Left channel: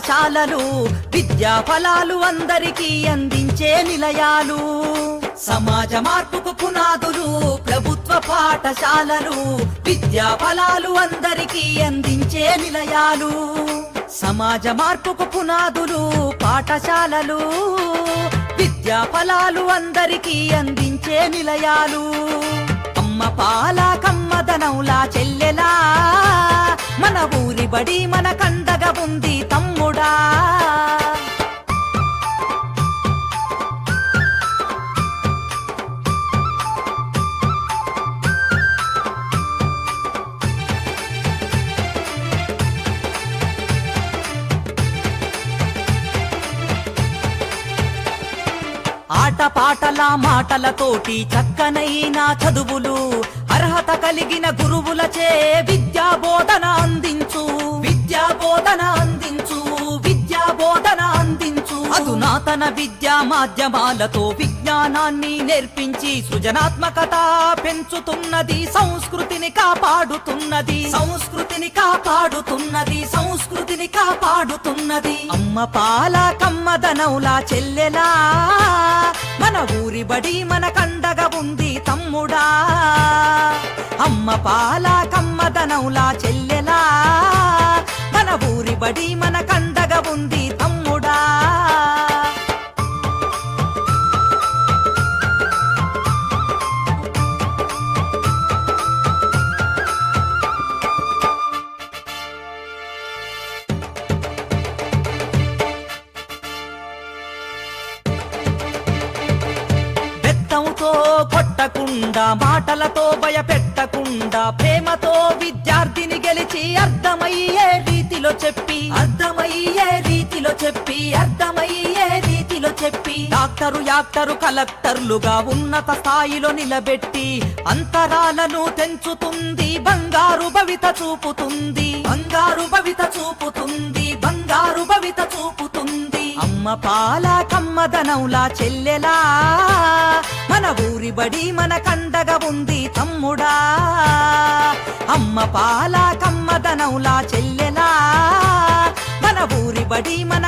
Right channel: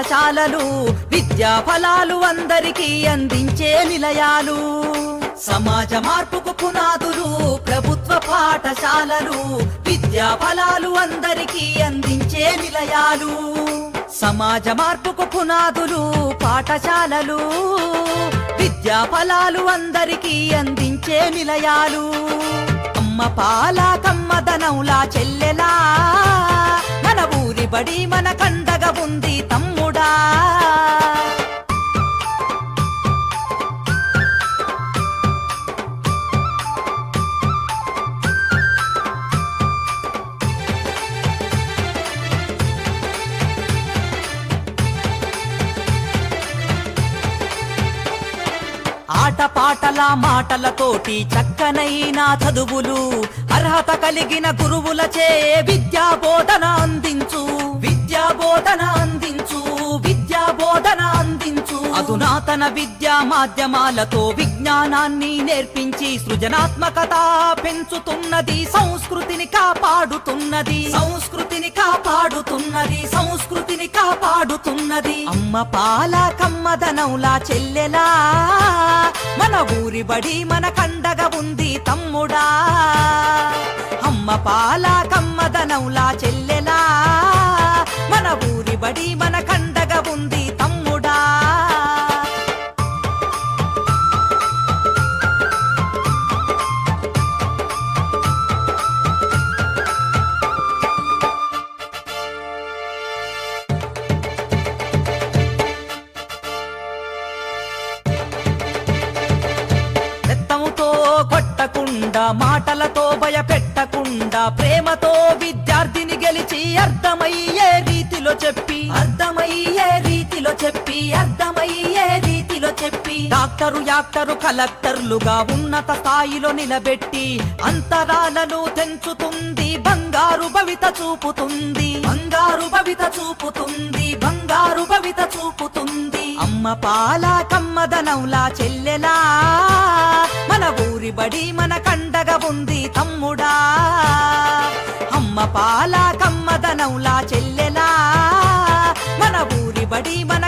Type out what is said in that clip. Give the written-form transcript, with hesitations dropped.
పాఠశాలలు విద్యా ఫలాలు అందరికీ అందించే నిలయాలు. సమాజ మార్పుకు పునాదులు ప్రభుత్వ పాఠశాలలు విద్యా ఫలాలు అందరికీ అందించే నిలయాలు. సమాజ మార్పుకు పునాదులు పాఠశాలలు విద్యా ఫలాలు అందరికీ అందించే నిలయాలు. అమ్మ పాల కమ్మదనంలా చెల్లెలా మన ఊరి బడి మన కండగా ఉంది తమ్ముడా. ఆటపాటల మాటలతోటి చక్కనైన చదువులు అర్హత కలిగిన గురువులచే విద్యా బోధన అందించు. విద్యా బోధన అందించు. విద్యా బోధన అందించు. అధునాతన విద్యా మాధ్యమాలతో విజ్ఞానాన్ని నేర్పించి సృజనాత్మకత పెంచుతున్నది. సంస్కృతిని కాపాడుతున్నది. సంస్కృతిని కాపాడుతున్నది. సంస్కృతిని కాపాడుతున్నది. అమ్మ పాల కమ్మదనౌలా చెల్లెలా మన ఊరి బడి మన కండగా ఉంది తమ్ముడా. అమ్మ పాల కమ్మదనౌలా చెల్లెలా మన ఊరి బడి మన కండగా ఉంది తమ్ముడా. మాటలతో భయపెట్టకుండా ప్రేమతో విద్యార్థిని గెలిచి అర్థమయ్యే రీతిలో చెప్పి అర్థమయ్యే రీతిలో చెప్పి అర్థమయ్యే రీతిలో చెప్పి డాక్టరు యాక్టరు కలెక్టర్లుగా ఉన్నత స్థాయిలో నిలబెట్టి అంతరాలను తెంచుతుంది. బంగారు భవిత చూపుతుంది. బంగారు భవిత చూపుతుంది. బంగారు భవిత చూపుతుంది. అమ్మ పాల కమ్మదనౌలా చెల్లెలా మన ఊరి బడి మన కండగా ఉంది తమ్ముడా. అమ్మ పాల కమ్మదనౌలా చెల్లెలా మన ఊరి బడి మన